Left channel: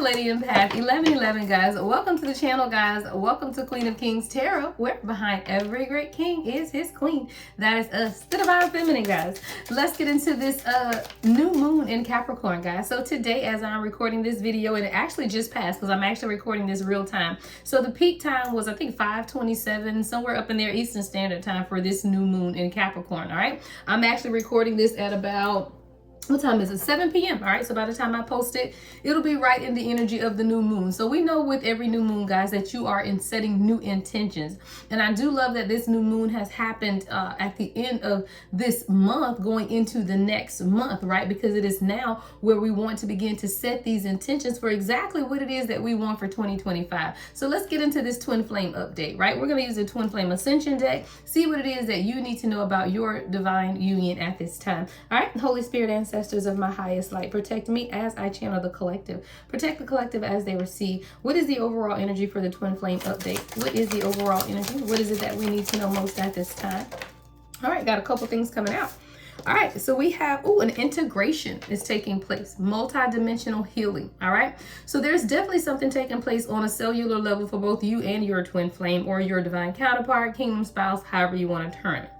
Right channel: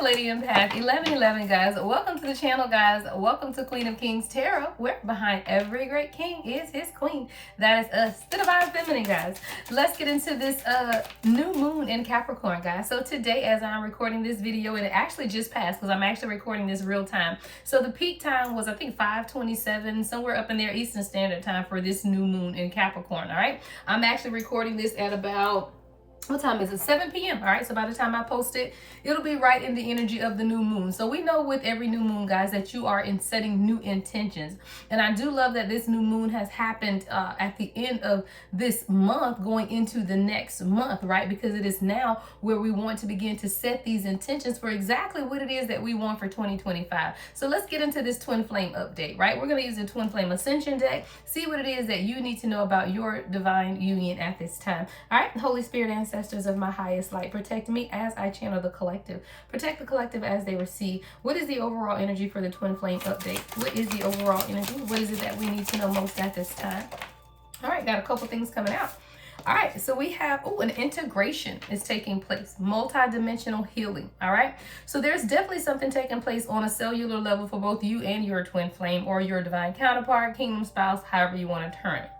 Lady Empath 1111, guys. Welcome to the channel, guys. Welcome to Queen of Kings Tarot, where behind every great king is his queen. That is us, the Divine Feminine, guys. Let's get into this new moon in Capricorn, guys. So today, as I'm recording this video, and it actually just passed because I'm actually recording this real time. So the peak time was, I think, 5:27, somewhere up in there, Eastern Standard Time for this new moon in Capricorn, all right? I'm actually recording this at about, what time is it? 7 p.m. All right. So by the time I post it, it'll be right in the energy of the new moon. So we know with every new moon, guys, that you are in setting new intentions. And I do love that this new moon has happened at the end of this month going into the next month, right? Because it is now where we want to begin to set these intentions for exactly what it is that we want for 2025. So let's get into this twin flame update, right? We're going to use the twin flame ascension deck, see what it is that you need to know about your divine union at this time. All right. Holy Spirit, ancestors of my highest light, protect me as I channel the collective. Protect the collective as they receive. What is the overall energy for the twin flame update? What is the overall energy? What is it that we need to know most at this time? All right, got a couple things coming out. All right, so we have, an integration is taking place, multi-dimensional healing, all right? So there's definitely something taking place on a cellular level for both you and your twin flame or your divine counterpart, kingdom spouse, however you want to term it.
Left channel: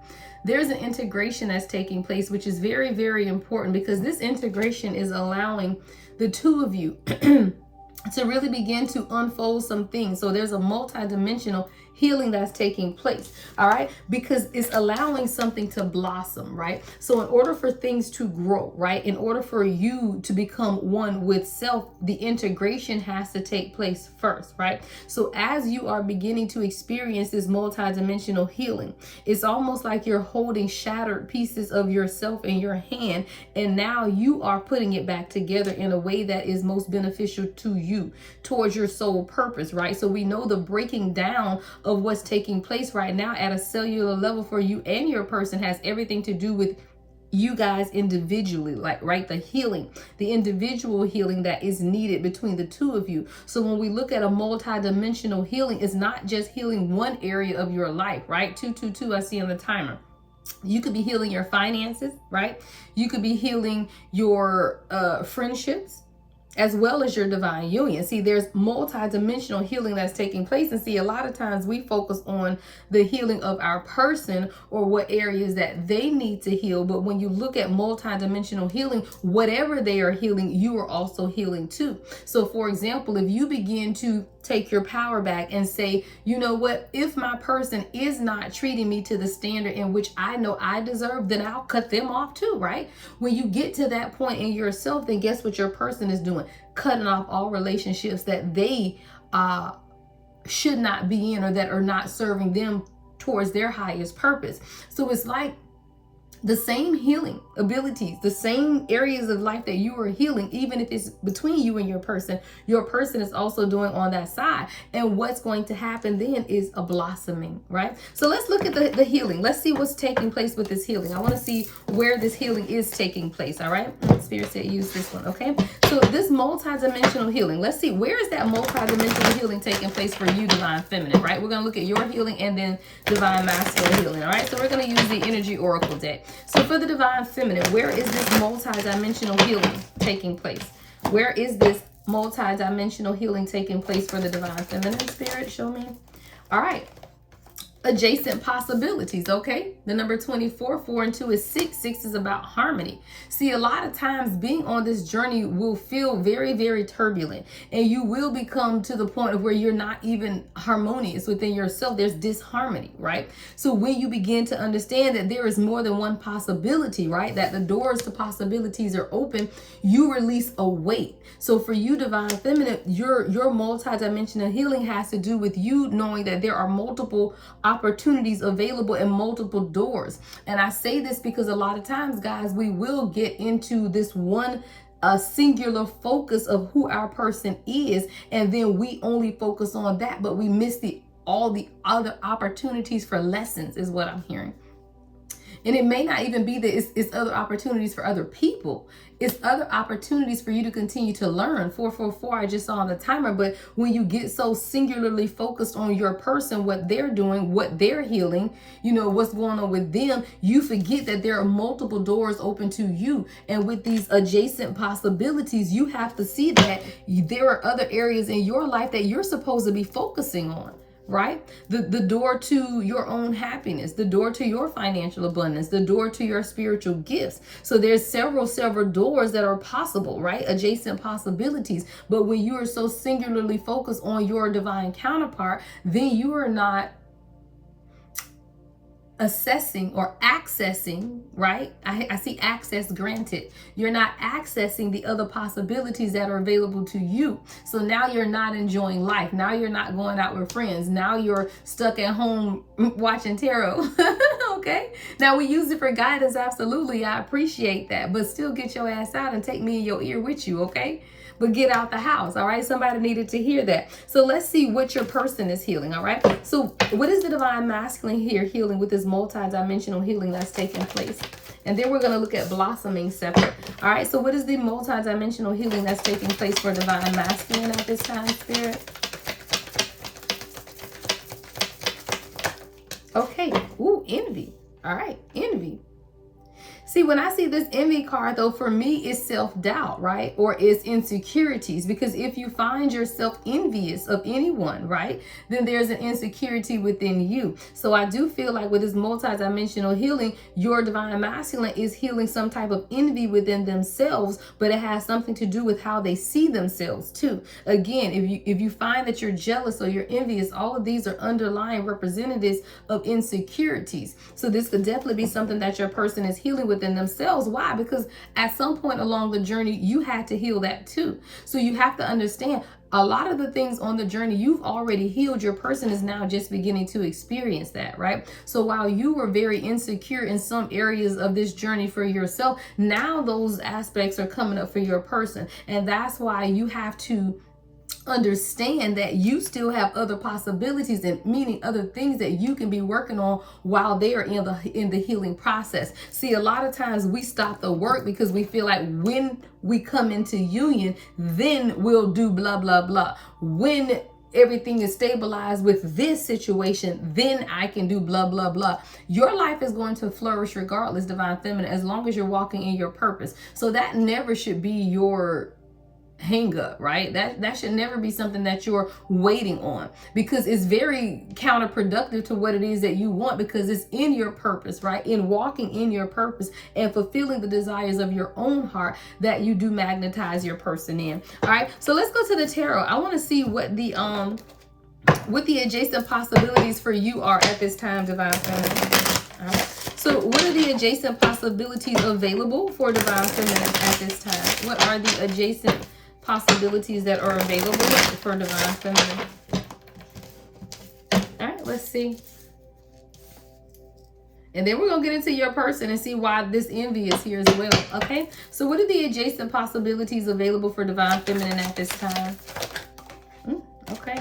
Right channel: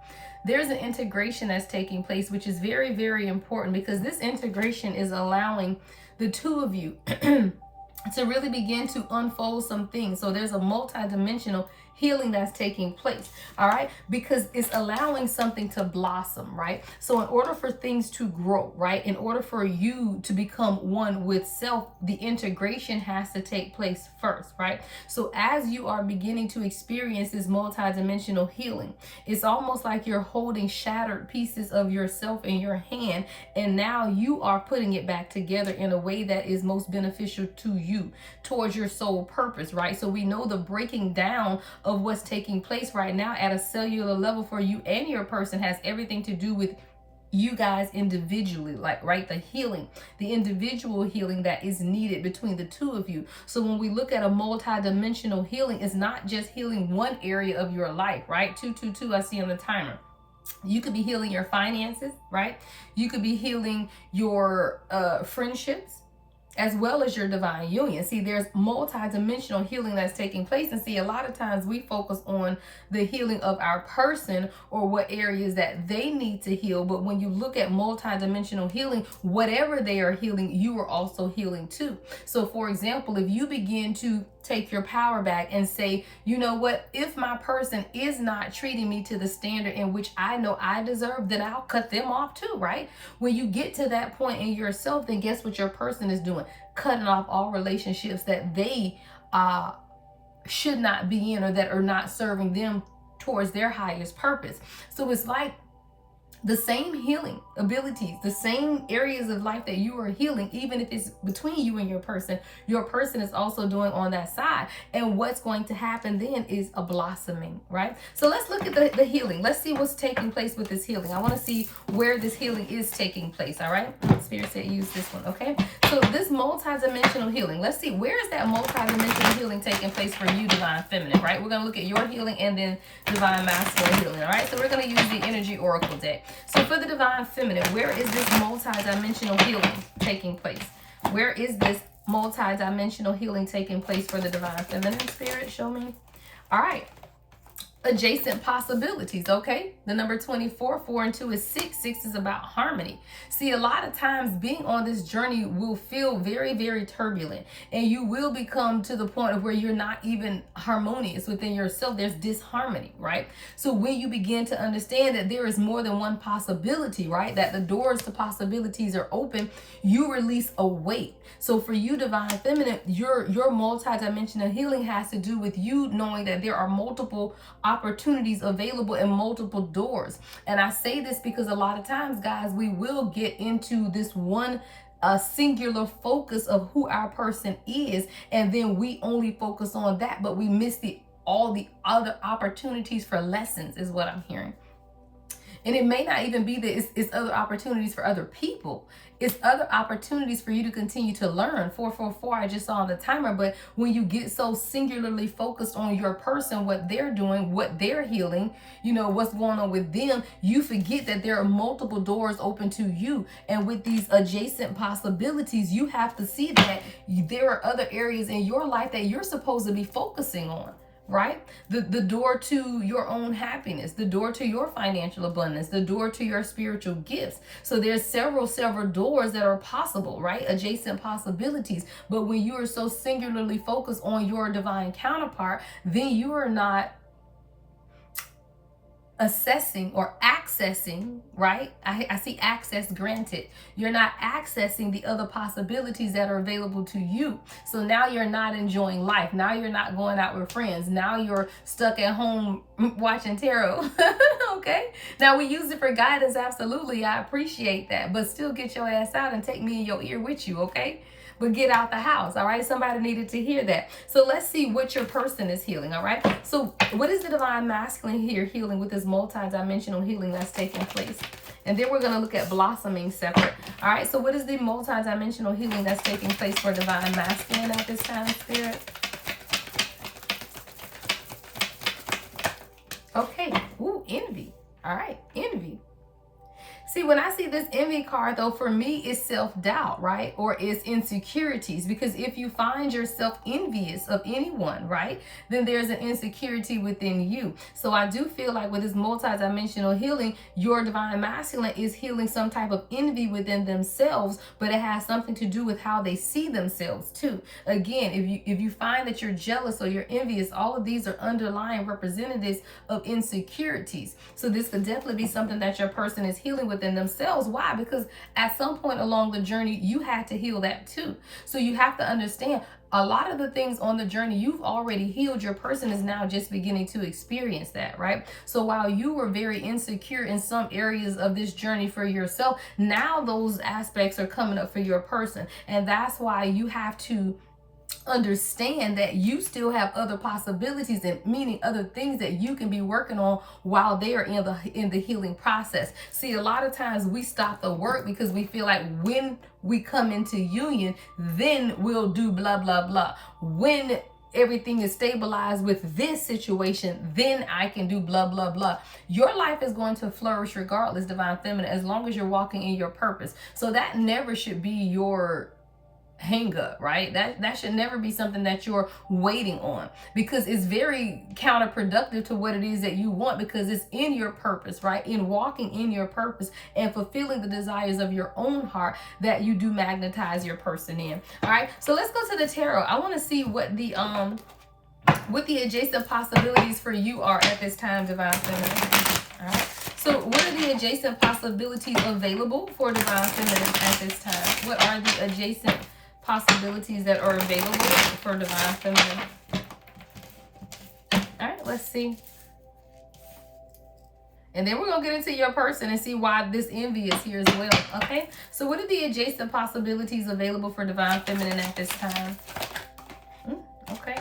There's an integration that's taking place, which is very, very important because this integration is allowing the two of you to really begin to unfold some things. So there's a multi-dimensional healing that's taking place, all right? Because it's allowing something to blossom, right? So in order for things to grow, right? In order for you to become one with self, the integration has to take place first, right? So as you are beginning to experience this multi-dimensional healing, it's almost like you're holding shattered pieces of yourself in your hand, and now you are putting it back together in a way that is most beneficial to you, towards your soul purpose, right? So we know the breaking down of what's taking place right now at a cellular level for you and your person has everything to do with you guys individually, like, right? The healing, the individual healing that is needed between the two of you. So when we look at a multi-dimensional healing, it's not just healing one area of your life, right? 222, I see on the timer. You could be healing your finances, right? You could be healing your friendships, as well as your divine union. See, there's multi-dimensional healing that's taking place. And see, a lot of times we focus on the healing of our person or what areas that they need to heal. But when you look at multi-dimensional healing, whatever they are healing, you are also healing too. So for example, if you begin to take your power back and say, you know what, if my person is not treating me to the standard in which I know I deserve, then I'll cut them off too, right? When you get to that point in yourself, then guess what your person is doing? Cutting off all relationships that they should not be in or that are not serving them towards their highest purpose. So it's like the same healing abilities, the same areas of life that you are healing, even if it's between you and your person is also doing on that side. And what's going to happen then is a blossoming, right? So let's look at the healing. Let's see what's taking place with this healing. I want to see where this healing is taking place, all right? Spirit said use this one, okay? So this multi-dimensional healing, let's see, where is that multi-dimensional healing taking place for you, Divine Feminine, right? We're going to look at your healing and then Divine Masculine healing, all right? So we're going to use the Energy Oracle deck. So for the Divine Feminine, where is this multi-dimensional healing taking place? Where is this multi-dimensional healing taking place for the Divine Feminine? Spirit, show me. All right. Adjacent possibilities, okay? The number 24, 4 and 2 is 6. 6 is about harmony. See, a lot of times being on this journey will feel very, very turbulent, and you will become to the point of where you're not even harmonious within yourself. There's disharmony, right? So when you begin to understand that there is more than one possibility, right? That the doors to possibilities are open, you release a weight. So for you, Divine Feminine, your multi-dimensional healing has to do with you knowing that there are multiple opportunities available and multiple doors. And I say this because a lot of times, guys, we will get into this one singular focus of who our person is, and then we only focus on that, but we miss all the other opportunities for lessons, is what I'm hearing. And it may not even be that it's other opportunities for other people. It's other opportunities for you to continue to learn. 444, I just saw on the timer. But when you get so singularly focused on your person, what they're doing, what they're healing, you know, what's going on with them, you forget that there are multiple doors open to you. And with these adjacent possibilities, you have to see that there are other areas in your life that you're supposed to be focusing on. Right? The door to your own happiness, the door to your financial abundance, the door to your spiritual gifts. So there's several doors that are possible, right? Adjacent possibilities. But when you are so singularly focused on your divine counterpart, then you are not assessing or accessing, right? I see access granted. You're not accessing the other possibilities that are available to you. So now you're not enjoying life. Now you're not going out with friends. Now you're stuck at home watching tarot. Okay? Now we use it for guidance. Absolutely. I appreciate that. But still get your ass out and take me in your ear with you. Okay? But get out the house. All right? Somebody needed to hear that. So let's see what your person is healing. All right? So what is the divine masculine here healing with this multi-dimensional healing that's taking place? And then we're going to look at blossoming separate. All right? So what is the multi-dimensional healing that's taking place for divine masculine at this time, Spirit? Okay. Ooh, envy. All right. Envy. See, when I see this envy card, though, for me, it's self-doubt, right? Or it's insecurities. Because if you find yourself envious of anyone, right, then there's an insecurity within you. So I do feel like with this multidimensional healing, your divine masculine is healing some type of envy within themselves, but it has something to do with how they see themselves too. Again, if you find that you're jealous or you're envious, all of these are underlying representatives of insecurities. So this could definitely be something that your person is healing within themselves. Why? Because at some point along the journey, you had to heal that too. So you have to understand a lot of the things on the journey you've already healed. Your person is now just beginning to experience that, right? So while you were very insecure in some areas of this journey for yourself, now those aspects are coming up for your person. And that's why you have to understand that you still have other possibilities, and meaning other things that you can be working on while they are in the healing process. See, a lot of times we stop the work because we feel like when we come into union, then we'll do blah blah blah. When everything is stabilized with this situation, then I can do blah blah blah. Your life is going to flourish regardless, divine feminine, as long as you're walking in your purpose. So that never should be your hang up, right? That should never be something that you're waiting on, because it's very counterproductive to what it is that you want, because it's in your purpose, right? In walking in your purpose and fulfilling the desires of your own heart that you do magnetize your person in. All right, so let's go to the tarot. I want to see what the adjacent possibilities for you are at this time, divine feminine. All right, so what are the adjacent possibilities available for divine feminine at this time? What are the adjacent possibilities that are available for divine feminine? All right, let's see. And then we're going to get into your person and see why this envy is here as well. Okay, so what are the adjacent possibilities available for divine feminine at this time? Okay.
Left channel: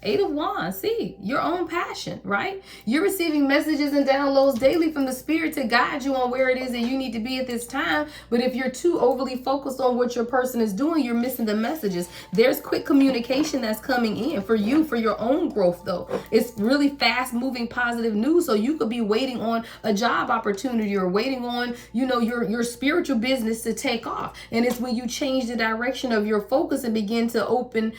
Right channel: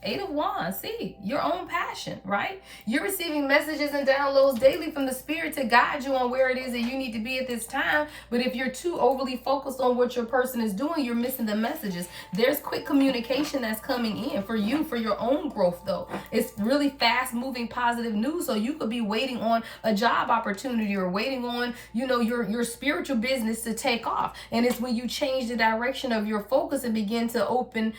8 of Wands. See, your own passion, right? You're receiving messages and downloads daily from the spirit to guide you on where it is that you need to be at this time. But if you're too overly focused on what your person is doing, you're missing the messages. There's quick communication that's coming in for you, for your own growth, though. It's really fast moving positive news. So you could be waiting on a job opportunity or waiting on, you know, your spiritual business to take off. And it's when you change the direction of your focus and begin to open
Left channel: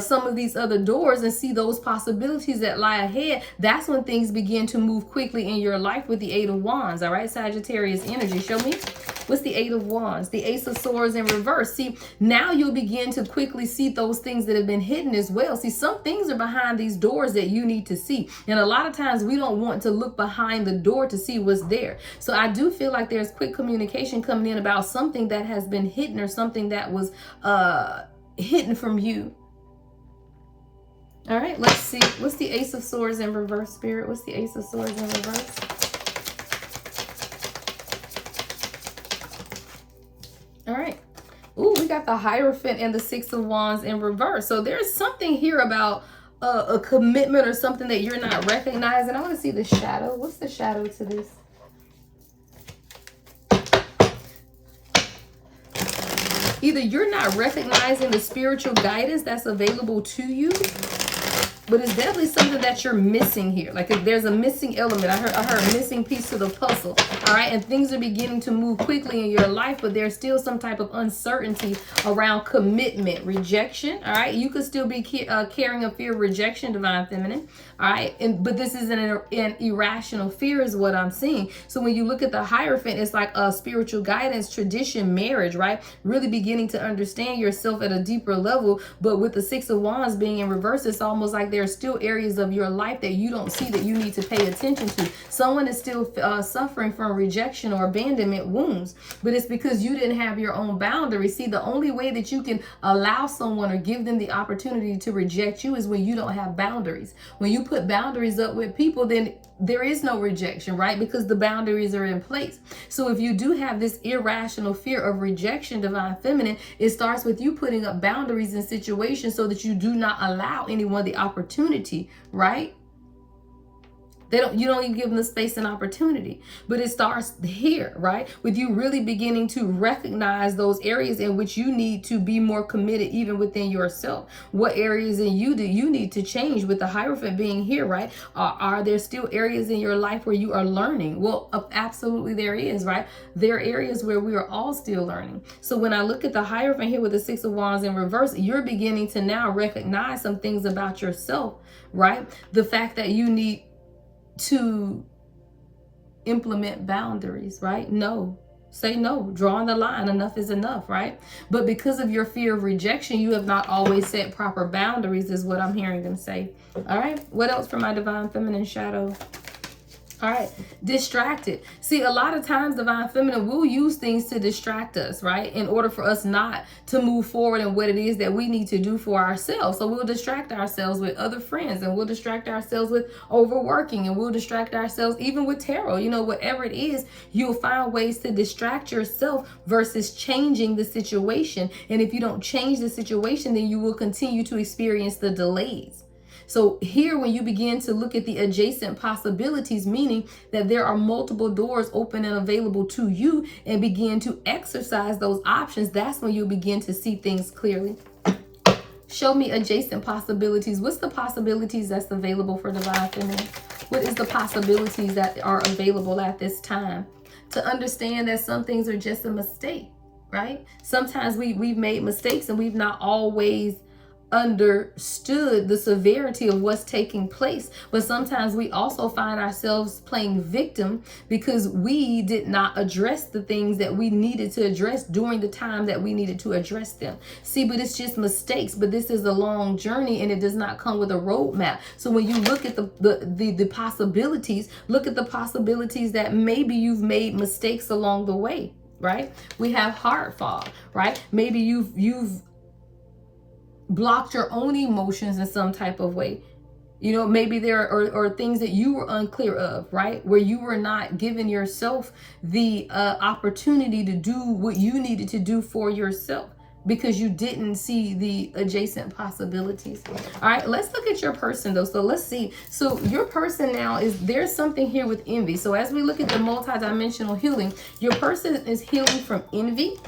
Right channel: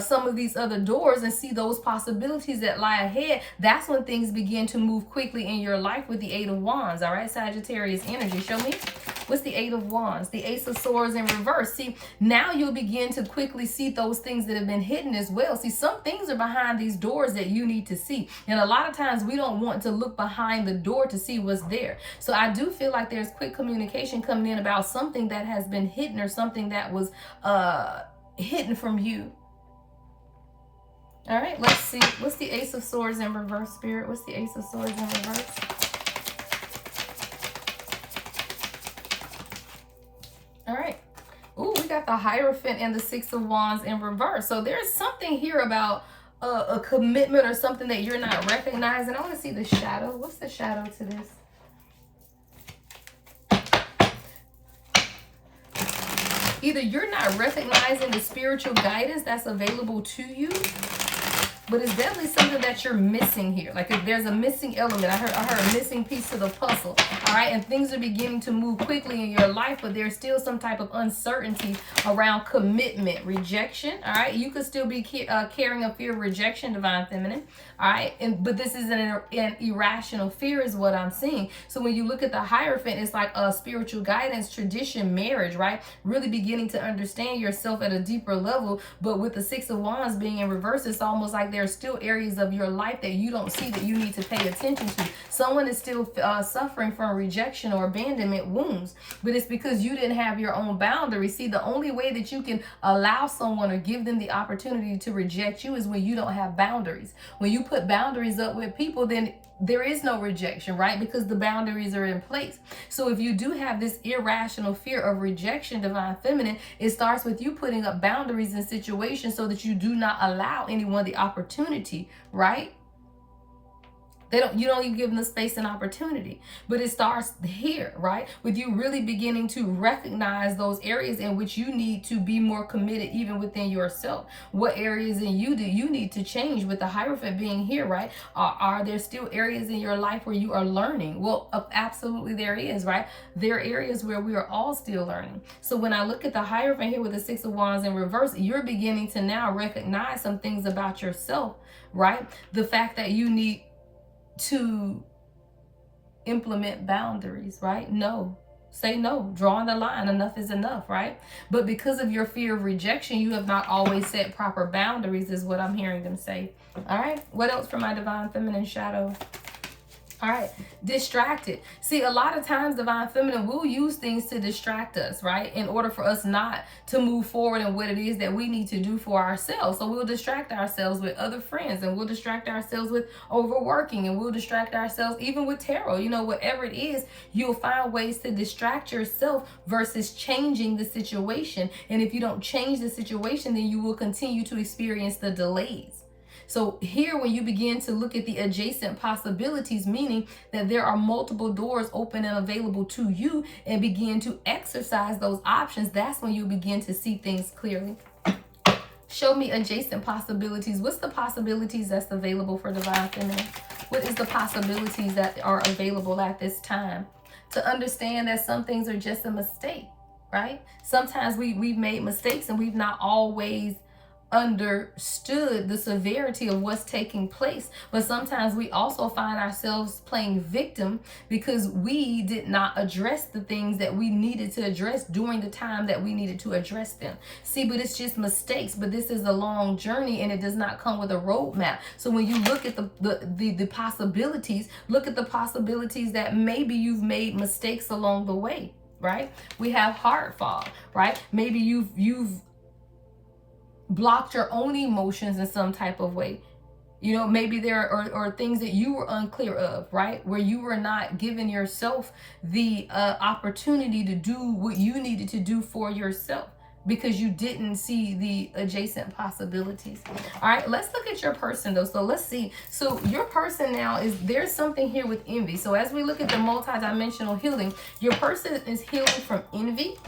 some of these other doors and see those possibilities that lie ahead, that's when things begin to move quickly in your life with the 8 of Wands. All right, Sagittarius energy. Show me. What's the 8 of Wands? The Ace of Swords in reverse. See, now you'll begin to quickly see those things that have been hidden as well. See, some things are behind these doors that you need to see. And a lot of times we don't want to look behind the door to see what's there. So I do feel like there's quick communication coming in about something that has been hidden, or something that was hidden from you. All right, let's see. What's the Ace of Swords in reverse, Spirit? What's the Ace of Swords in reverse? All right. Ooh, we got the Hierophant and the 6 of Wands in reverse. So there's something here about a commitment or something that you're not recognizing. I want to see the shadow. What's the shadow to this? Either you're not recognizing the spiritual guidance that's available to you, but it's definitely something that you're missing here. Like if there's a missing element, I heard a missing piece to the puzzle. All right, and things are beginning to move quickly in your life, but there's still some type of uncertainty around commitment, rejection. All right, you could still be carrying a fear of rejection, Divine Feminine. All right, but this is an irrational fear is what I'm seeing. So when you look at the Hierophant, it's like a spiritual guidance, tradition, marriage, right? Really beginning to understand yourself at a deeper level. But with the Six of Wands being in reverse, it's almost like there are still areas of your life that you don't see that you need to pay attention to. Someone is still suffering from rejection or abandonment wounds, but it's because you didn't have your own boundaries. See, the only way that you can allow someone or give them the opportunity to reject you is when you don't have boundaries. When you put boundaries up with people, then there is no rejection, right? Because the boundaries are in place. So if you do have this irrational fear of rejection, Divine Feminine, it starts with you putting up boundaries in situations so that you do not allow anyone the opportunity, right? You don't even give them the space and opportunity. But it starts here, right? With you really beginning to recognize those areas in which you need to be more committed even within yourself. What areas in you do you need to change? With the Hierophant being here, right? Are there still areas in your life where you are learning? Well, absolutely there is, right? There are areas where we are all still learning. So when I look at the Hierophant here with the Six of Wands in reverse, you're beginning to now recognize some things about yourself, right? The fact that you need to implement boundaries, right? No, say no, drawing the line, enough is enough, right? But because of your fear of rejection, you have not always set proper boundaries, is what I'm hearing them say. All right, what else for my Divine Feminine shadow? All right, distracted. See, a lot of times Divine Feminine will use things to distract us, right? In order for us not to move forward in what it is that we need to do for ourselves. So we'll distract ourselves with other friends, and we'll distract ourselves with overworking, and we'll distract ourselves even with tarot. You know, whatever it is, you'll find ways to distract yourself versus changing the situation. And if you don't change the situation, then you will continue to experience the delays. So here, when you begin to look at the adjacent possibilities, meaning that there are multiple doors open and available to you, and begin to exercise those options, that's when you'll begin to see things clearly. Show me adjacent possibilities. What's the possibilities that's available for Divine Feminine? What is the possibilities that are available at this time? To understand that some things are just a mistake, right? Sometimes we've made mistakes and we've not always understood the severity of what's taking place. But sometimes we also find ourselves playing victim because we did not address the things that we needed to address during the time that we needed to address them. See, but it's just mistakes. But this is a long journey, and it does not come with a roadmap. So when you look at the possibilities, look at the possibilities that maybe you've made mistakes along the way, right? We have heart fog, right? Maybe you've blocked your own emotions in some type of way. You know, maybe there are things that you were unclear of, right? Where you were not giving yourself the opportunity to do what you needed to do for yourself because you didn't see the adjacent possibilities. All right, let's look at your person though. So let's see. So your person now there's something here with envy. So as we look at the multidimensional healing, your person is healing from envy.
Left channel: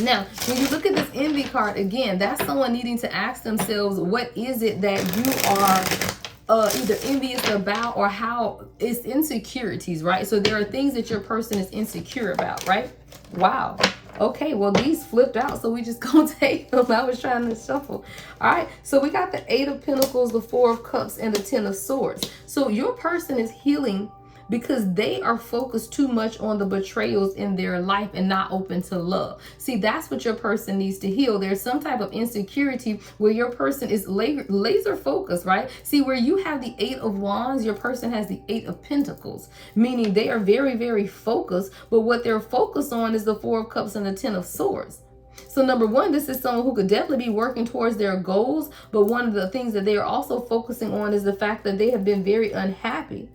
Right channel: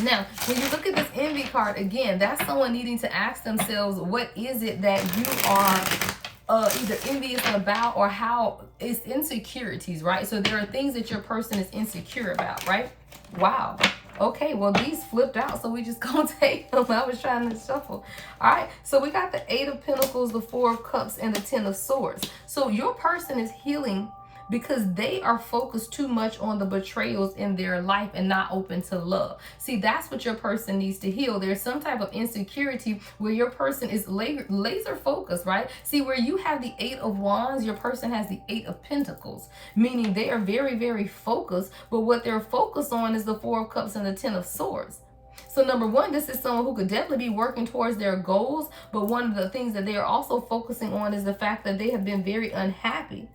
Now, when you look at this envy card, again, that's someone needing to ask themselves, what is it that you are either envious about, or how it's insecurities, right? So there are things that your person is insecure about, right? Wow. Okay, well, these flipped out, so we just gonna take them. I was trying to shuffle. All right, so we got the Eight of Pentacles, the Four of Cups, and the Ten of Swords. So your person is healing because they are focused too much on the betrayals in their life and not open to love. See, that's what your person needs to heal. There's some type of insecurity where your person is laser focused, right? See, where you have the Eight of Wands, your person has the Eight of Pentacles, meaning they are very, very focused, but what they're focused on is the Four of Cups and the Ten of Swords. So number one, this is someone who could definitely be working towards their goals, but one of the things that they are also focusing on is the fact that they have been very unhappy,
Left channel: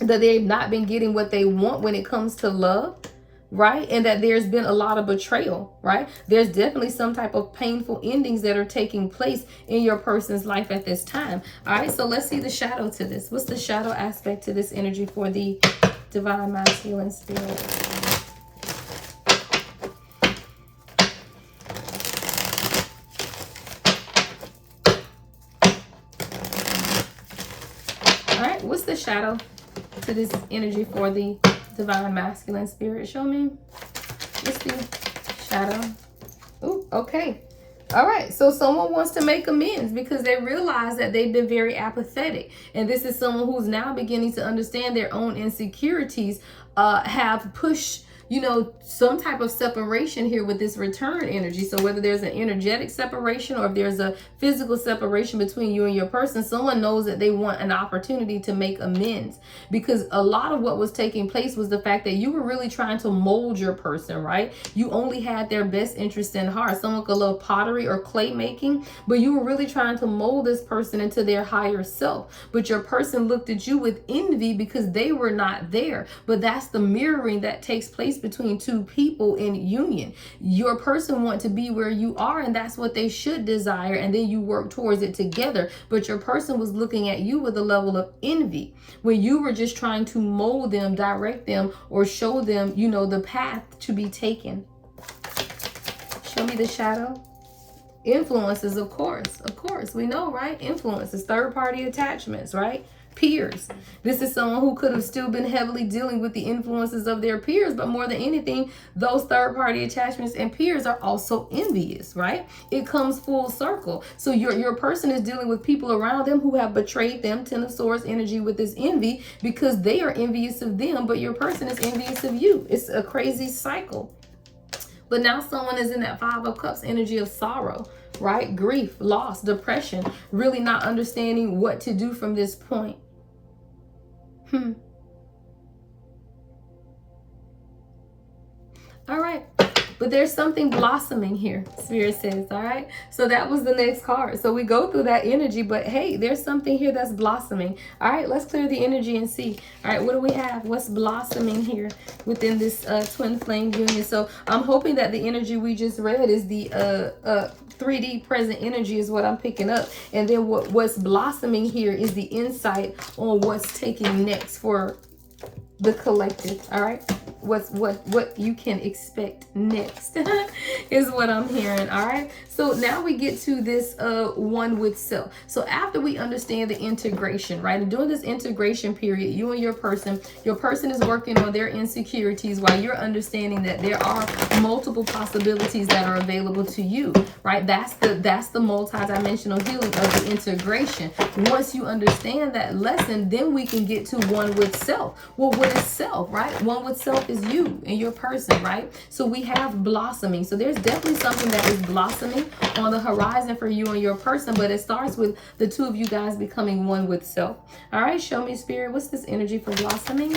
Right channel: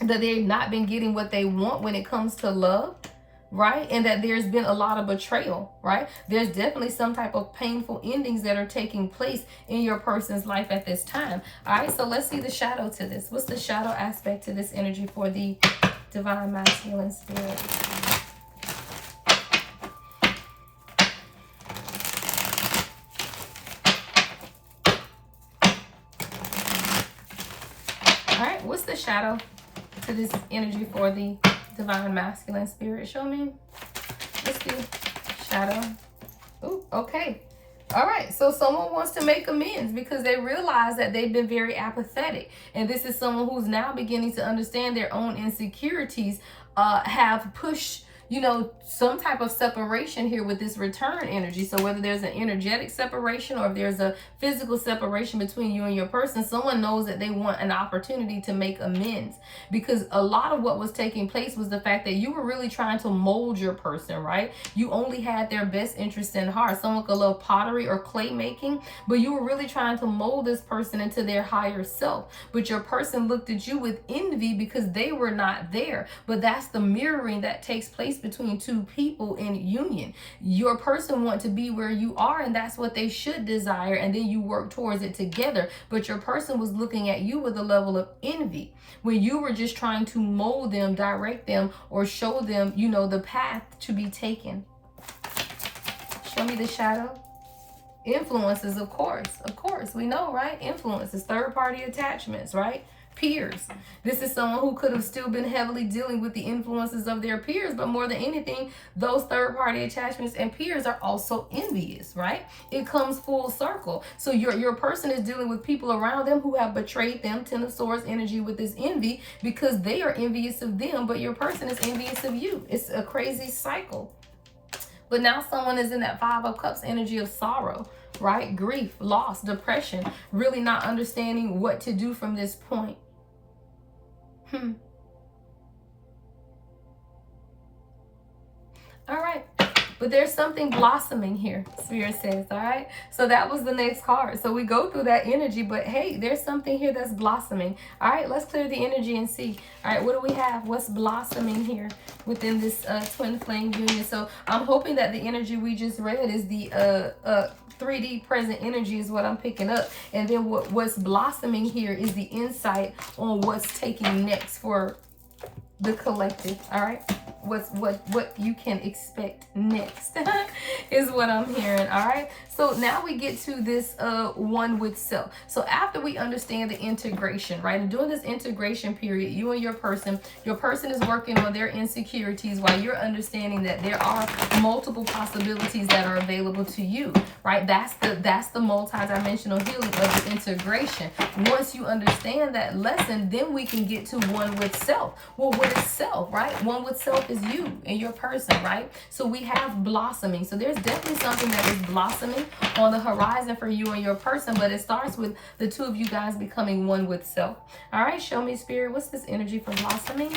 that they've not been getting what they want when it comes to love, right? And that there's been a lot of betrayal, right? There's definitely some type of painful endings that are taking place in your person's life at this time. All right, so let's see the shadow to this. What's the shadow aspect to this energy for the Divine Masculine Spirit? What's the shadow to this energy for the divine masculine spirit? Show me. What's the shadow? Ooh, okay. All right, so someone wants to make amends because they realize that they've been very apathetic. And this is someone who's now beginning to understand their own insecurities, have pushed, you know, some type of separation here with this return energy. So whether there's an energetic separation or if there's a physical separation between you and your person, someone knows that they want an opportunity to make amends, because a lot of what was taking place was the fact that you were really trying to mold your person, right? You only had their best interest in heart. Someone could love pottery or clay making, but you were really trying to mold this person into their higher self. But your person looked at you with envy because they were not there. But that's the mirroring that takes place between two people in union. Your person wants to be where you are, and that's what they should desire, and then you work towards it together. But your person was looking at you with a level of envy when you were just trying to mold them, direct them, or show them, you know, the path to be taken. Show me the shadow. Influences, of course, we know, right? Influences, third-party attachments, right? Peers. This is someone who could have still been heavily dealing with the influences of their peers, but more than anything, those third-party attachments and peers are also envious, right? It comes full circle. So your person is dealing with people around them who have betrayed them, Ten of Swords energy, with this envy because they are envious of them, but your person is envious of you. It's a crazy cycle. But now someone is in that Five of Cups energy of sorrow, right? Grief, loss, depression, really not understanding what to do from this point. All right. But there's something blossoming here, Spirit says, all right? So that was the next card. So we go through that energy, but hey, there's something here that's blossoming. All right, let's clear the energy and see. All right, what do we have? What's blossoming here within this twin flame union? So I'm hoping that the energy we just read is the 3D present energy is what I'm picking up. And then what's blossoming here is the insight on what's taking next for the collective, all right? What you can expect next is what I'm hearing, all right? So now we get to this one with self. So after we understand the integration, right? And during this integration period, you and your person is working on their insecurities while you're understanding that there are multiple possibilities that are available to you, right? That's the multi-dimensional healing of the integration. Once you understand that lesson, then we can get to one with self. Well, what is self, right? One with self is you and your person, right? So we have blossoming. So there's definitely something that is blossoming on the horizon for you and your person, but it starts with the two of you guys becoming one with self. All right, show me, Spirit, what's this energy for blossoming?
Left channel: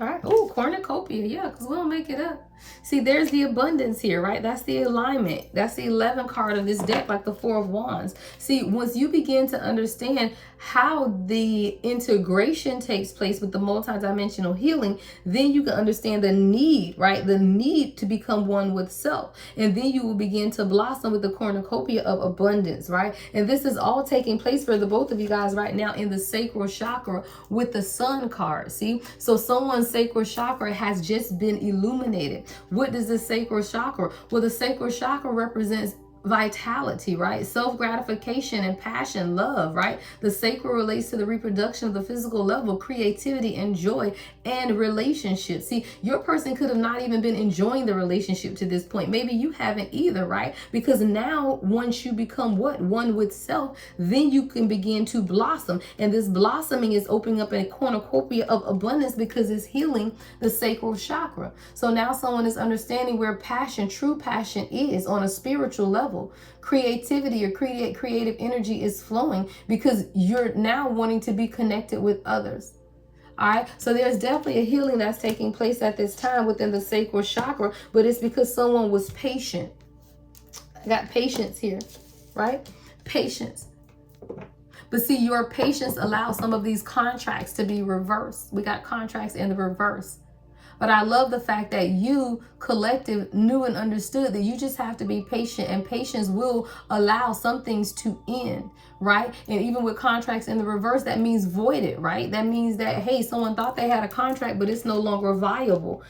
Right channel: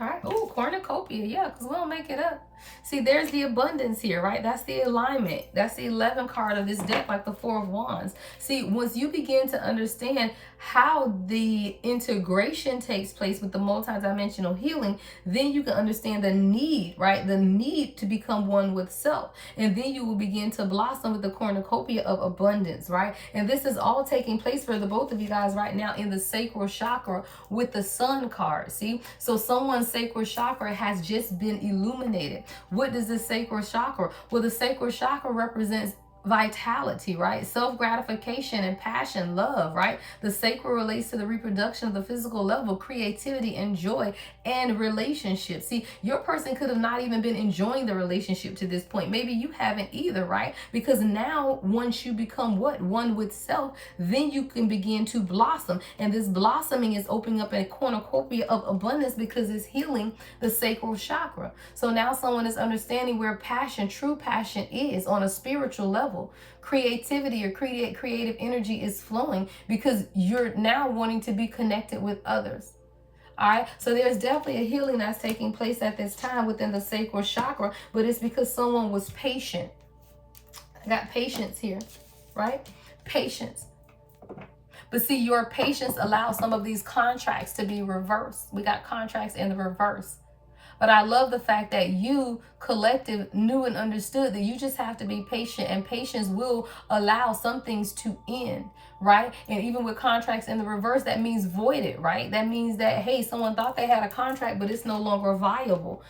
All right. Oh, cornucopia. Yeah, because we don't make it up. See, there's the abundance here, right? That's the alignment. That's the 11th card of this deck, like the Four of Wands. See, once you begin to understand how the integration takes place with the multidimensional healing, then you can understand the need, right? The need to become one with self. And then you will begin to blossom with the cornucopia of abundance, right? And this is all taking place for the both of you guys right now in the sacral chakra with the Sun card, see? So someone's sacral chakra has just been illuminated. What does the sacral chakra? Well, the sacral chakra represents vitality, right? Self-gratification and passion, love, right? The sacral relates to the reproduction of the physical level, creativity and joy and relationships. See, your person could have not even been enjoying the relationship to this point. Maybe you haven't either, right? Because now once you become what? One with self, then you can begin to blossom. And this blossoming is opening up a cornucopia of abundance because it's healing the sacral chakra. So now someone is understanding where passion, true passion is on a spiritual level. Creativity or creative energy is flowing because you're now wanting to be connected with others. All right, so there's definitely a healing that's taking place at this time within the sacral chakra, but it's because someone was patient. I got patience here, right? Patience. But see, your patience allows some of these contracts to be reversed. We got contracts in the reverse. But I love the fact that you, collective, knew and understood that you just have to be patient, and patience will allow some things to end, right? And even with contracts in the reverse, that means voided, right? That means that, hey, someone thought they had a contract, but it's no longer viable.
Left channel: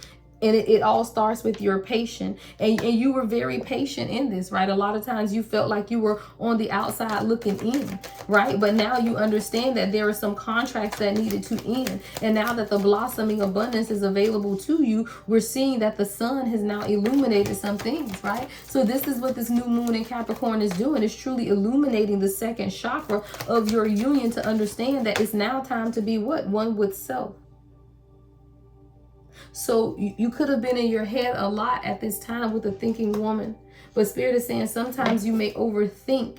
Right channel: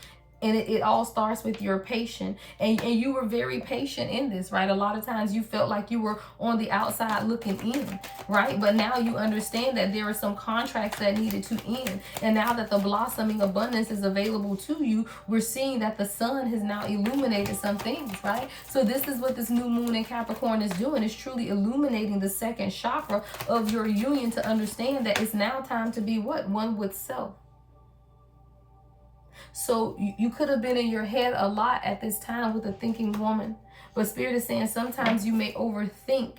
And it all starts with your patience. And you were very patient in this, right? A lot of times you felt like you were on the outside looking in, right? But now you understand that there are some contracts that needed to end. And now that the blossoming abundance is available to you, we're seeing that the sun has now illuminated some things, right? So this is what this new moon in Capricorn is doing. It's truly illuminating the second chakra of your union to understand that it's now time to be what? One with self. So you could have been in your head a lot at this time with a thinking woman. But Spirit is saying sometimes you may overthink.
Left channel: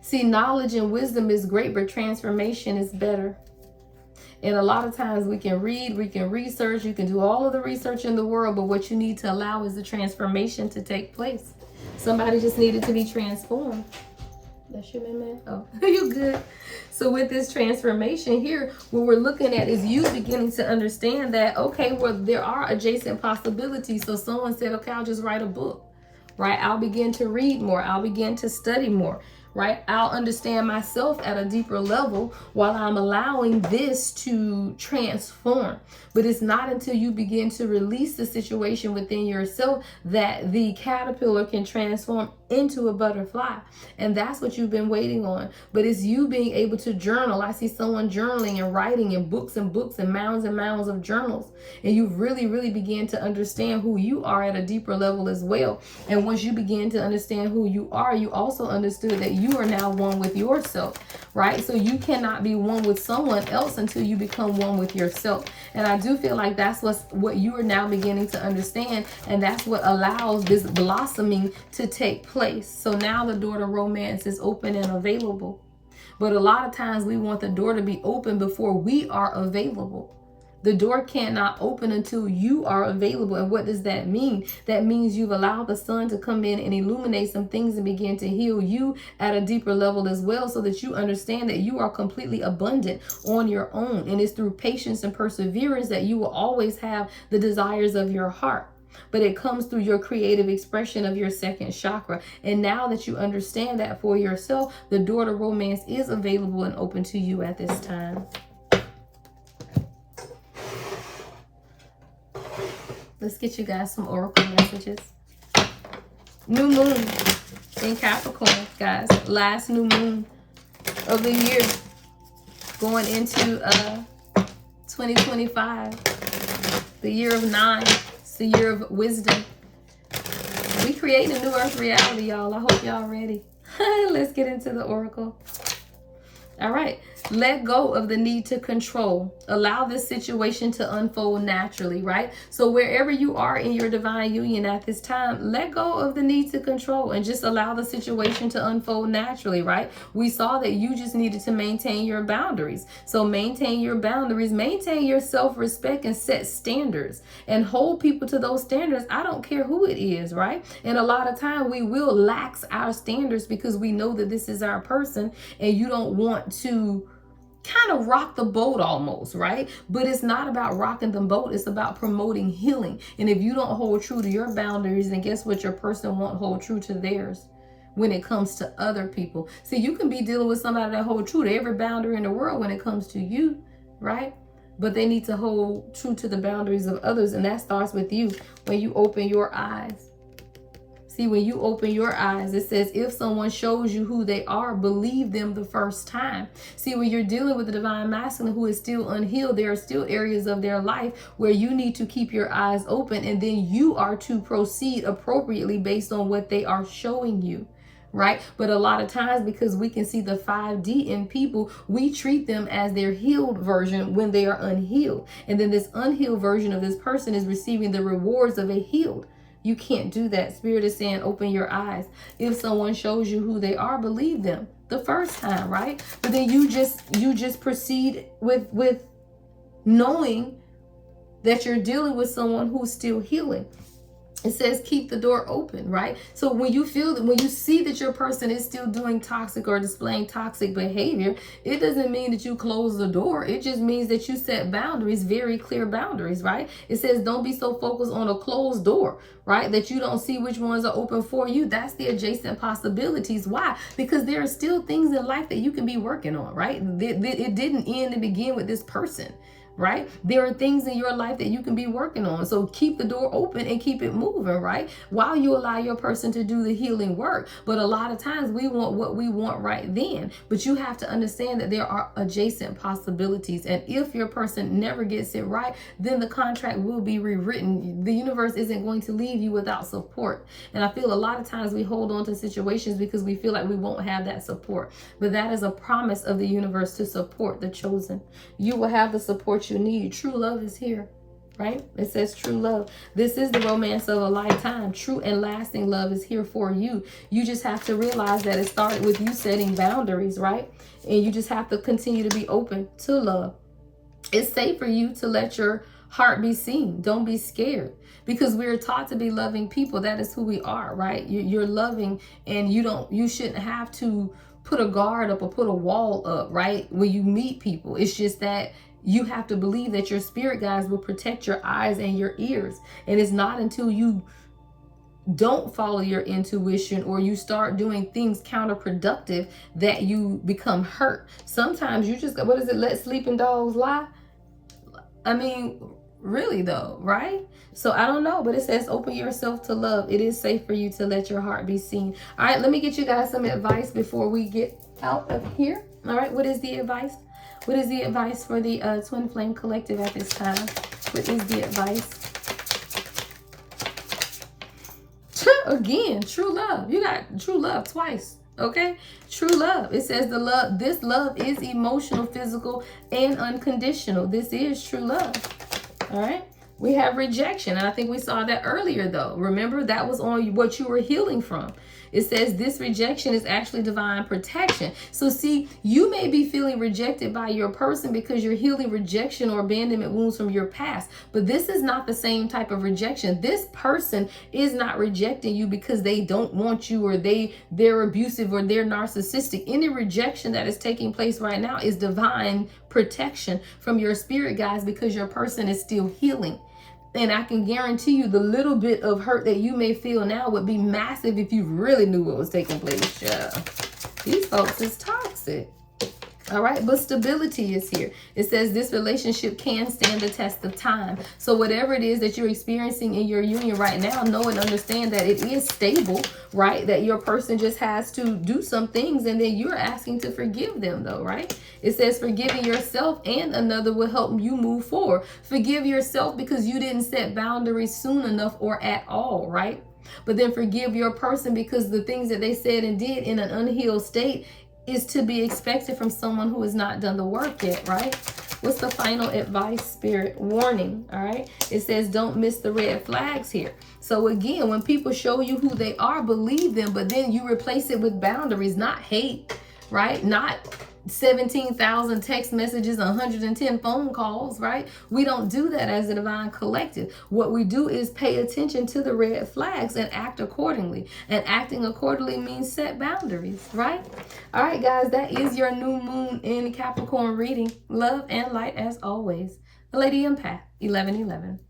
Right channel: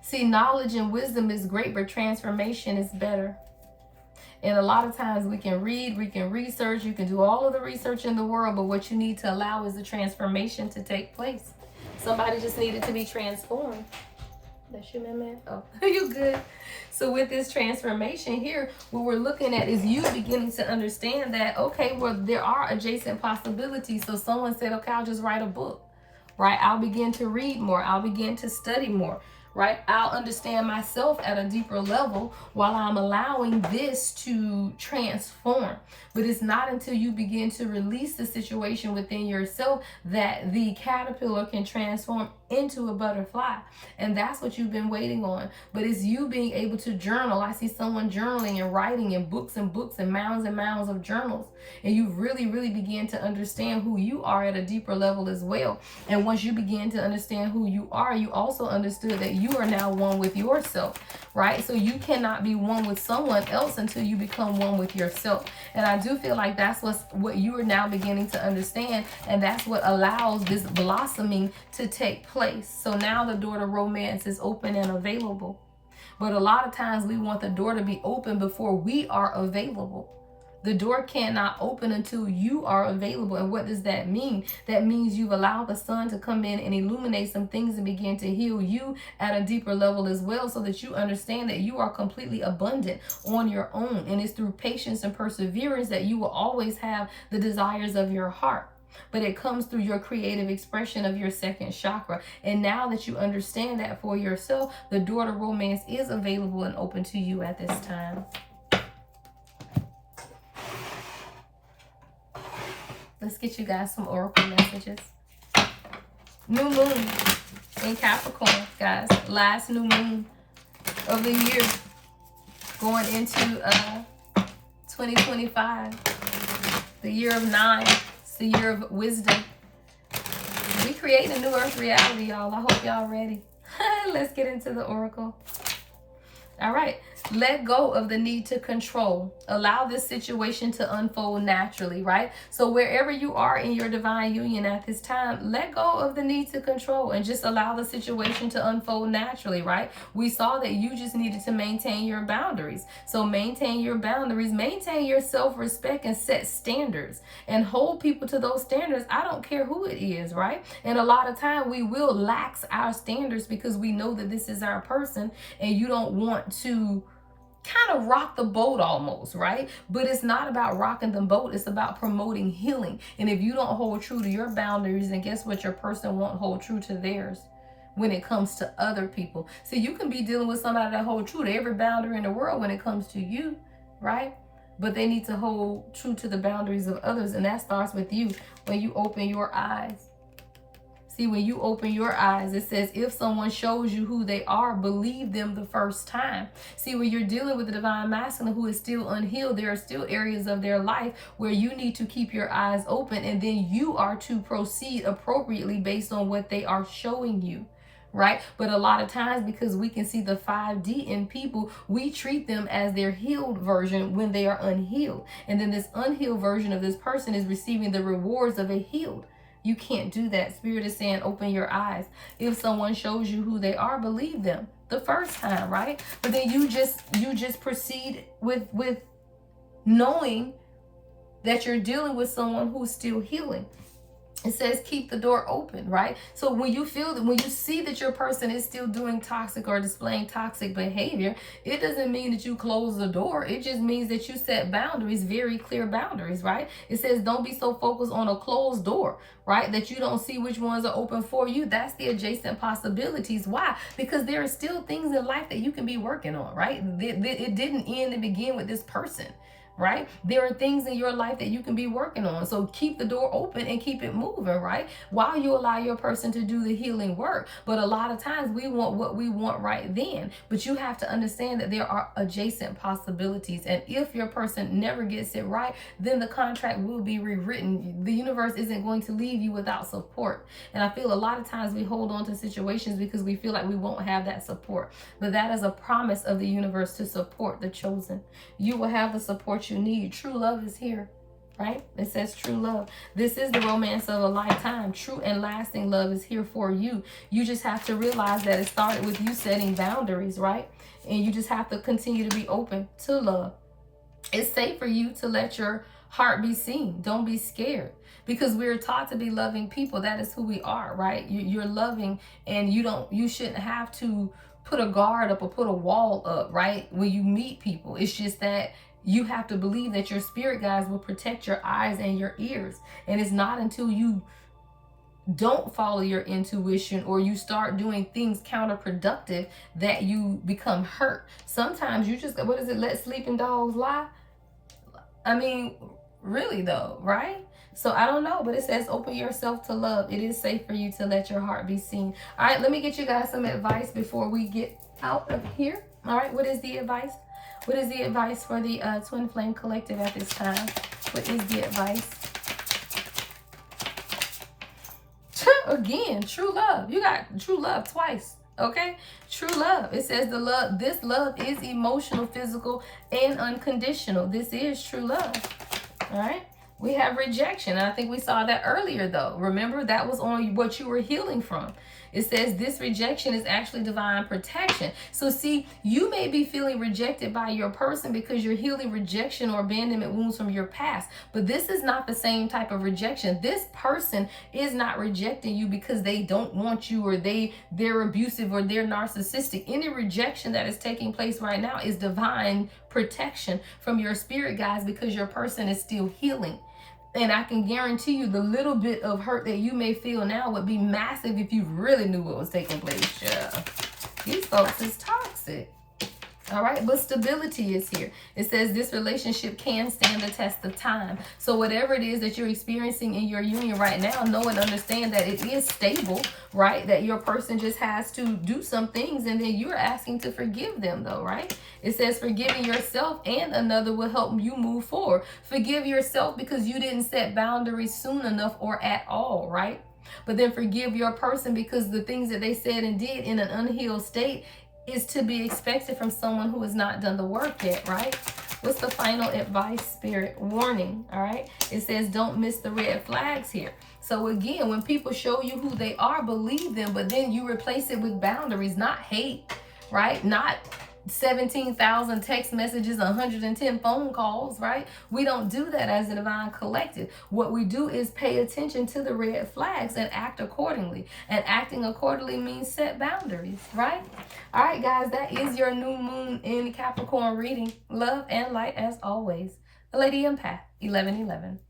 See, knowledge and wisdom is great, but transformation is better. And a lot of times we can read, we can research, you can do all of the research in the world, but what you need to allow is the transformation to take place. Somebody just needed to be transformed. That's you, man. Oh, you good? So with this transformation here, what we're looking at is you beginning to understand that, okay, well, there are adjacent possibilities. So someone said, okay, I'll just write a book, right? I'll begin to read more. I'll begin to study more, right? I'll understand myself at a deeper level while I'm allowing this to transform. But it's not until you begin to release the situation within yourself that the caterpillar can transform into a butterfly. And that's what you've been waiting on. But it's you being able to journal. I see someone journaling and writing in books and mounds of journals. And you've really, really began to understand who you are at a deeper level as well. And once you begin to understand who you are, you also understood that you are now one with yourself, right? So you cannot be one with someone else until you become one with yourself. And I do feel like that's what you are now beginning to understand. And that's what allows this blossoming to take place. So now the door to romance is open and available. But a lot of times we want the door to be open before we are available. The door cannot open until you are available. And what does that mean? That means you've allowed the sun to come in and illuminate some things and begin to heal you at a deeper level as well, so that you understand that you are completely abundant on your own. And it's through patience and perseverance that you will always have the desires of your heart. But it comes through your creative expression of your second chakra. And now that you understand that for yourself, the door to romance is available and open to you at this time. Let's get you guys some oracle messages. New moon in Capricorn, guys. Last new moon of the year. Going into 2025. The year of 9. It's the year of wisdom. We create a new earth reality, y'all. I hope y'all ready. Let's get into the oracle. All right. Let go of the need to control. Allow this situation to unfold naturally, right? So wherever you are in your divine union at this time, let go of the need to control and just allow the situation to unfold naturally, right? We saw that you just needed to maintain your boundaries. So maintain your boundaries, maintain your self-respect, and set standards and hold people to those standards. I don't care who it is, right? And a lot of time we will lax our standards because we know that this is our person and you don't want to kind of rock the boat almost, right? But it's not about rocking the boat. It's about promoting healing. And if you don't hold true to your boundaries, then guess what? Your person won't hold true to theirs when it comes to other people. See, you can be dealing with somebody that hold true to every boundary in the world when it comes to you, right? But they need to hold true to the boundaries of others. And that starts with you when you open your eyes. See, when you open your eyes, it says, if someone shows you who they are, believe them the first time. See, when you're dealing with the divine masculine who is still unhealed, there are still areas of their life where you need to keep your eyes open, and then you are to proceed appropriately based on what they are showing you. Right? But a lot of times, because we can see the 5D in people, we treat them as their healed version when they are unhealed. And then this unhealed version of this person is receiving the rewards of a healed. You can't do that. Spirit is saying, open your eyes. If someone shows you who they are, believe them the first time, right? But then you just proceed with knowing that you're dealing with someone who's still healing. It says keep the door open, right? So when you see that your person is still doing toxic or displaying toxic behavior, it doesn't mean that you close the door. It just means that you set boundaries, very clear boundaries, right? It says don't be so focused on a closed door, right? That you don't see which ones are open for you. That's the adjacent possibilities. Why? Because there are still things in life that you can be working on, right? It didn't end and begin with this person. right? There are things in your life that you can be working on. So keep the door open and keep it moving, right? While you allow your person to do the healing work. But a lot of times we want what we want right then. But you have to understand that there are adjacent possibilities. And if your person never gets it right, then the contract will be rewritten. The universe isn't going to leave you without support. And I feel a lot of times we hold on to situations because we feel like we won't have that support. But that is a promise of the universe to support the chosen. You will have the support you need. True love is here, right? It says true love. This is the romance of a lifetime. True and lasting love is here for you. You just have to realize that it started with you setting boundaries, right? And you just have to continue to be open to love. It's safe for you to let your heart be seen. Don't be scared, because we're taught to be loving people. That is who we are, right? You're loving, and you shouldn't have to put a guard up or put a wall up, right? When you meet people, it's just that you have to believe that your spirit guides will protect your eyes and your ears. And it's not until you don't follow your intuition or you start doing things counterproductive that you become hurt. Sometimes you just, what is it? Let sleeping dogs lie. I mean, really though, right? So I don't know, but it says open yourself to love. It is safe for you to let your heart be seen. All right, let me get you guys some advice before we get out of here. All right, what is the advice? What is the advice for the Twin Flame Collective at this time? What is the advice? Again, true love. You got true love twice. Okay, true love. It says this love is emotional, physical, and unconditional. This is true love. All right. We have rejection. And I think we saw that earlier though. Remember, that was on what you were healing from. It says this rejection is actually divine protection. So see, you may be feeling rejected by your person because you're healing rejection or abandonment wounds from your past. But this is not the same type of rejection. This person is not rejecting you because they don't want you or they're abusive or they're narcissistic. Any rejection that is taking place right now is divine protection from your spirit guides because your person is still healing. And I can guarantee you the little bit of hurt that you may feel now would be massive if you really knew what was taking place. Yeah. These folks is toxic. All right, but stability is here. It says this relationship can stand the test of time. So whatever it is that you're experiencing in your union right now, know and understand that it is stable, right? That your person just has to do some things and then you're asking to forgive them though, right? It says forgiving yourself and another will help you move forward. Forgive yourself because you didn't set boundaries soon enough or at all, right? But then forgive your person because the things that they said and did in an unhealed state is to be expected from someone who has not done the work yet, right? What's the final advice, Spirit? Warning, all right? It says don't miss the red flags here. So again, when people show you who they are, believe them, but then you replace it with boundaries, not hate, right? Not 17,000 text messages, 110 phone calls, right? We don't do that as a divine collective. What we do is pay attention to the red flags and act accordingly. And acting accordingly means set boundaries, right? All right, guys, that is your new moon in Capricorn reading. Love and light as always. The Lady Empath, 1111.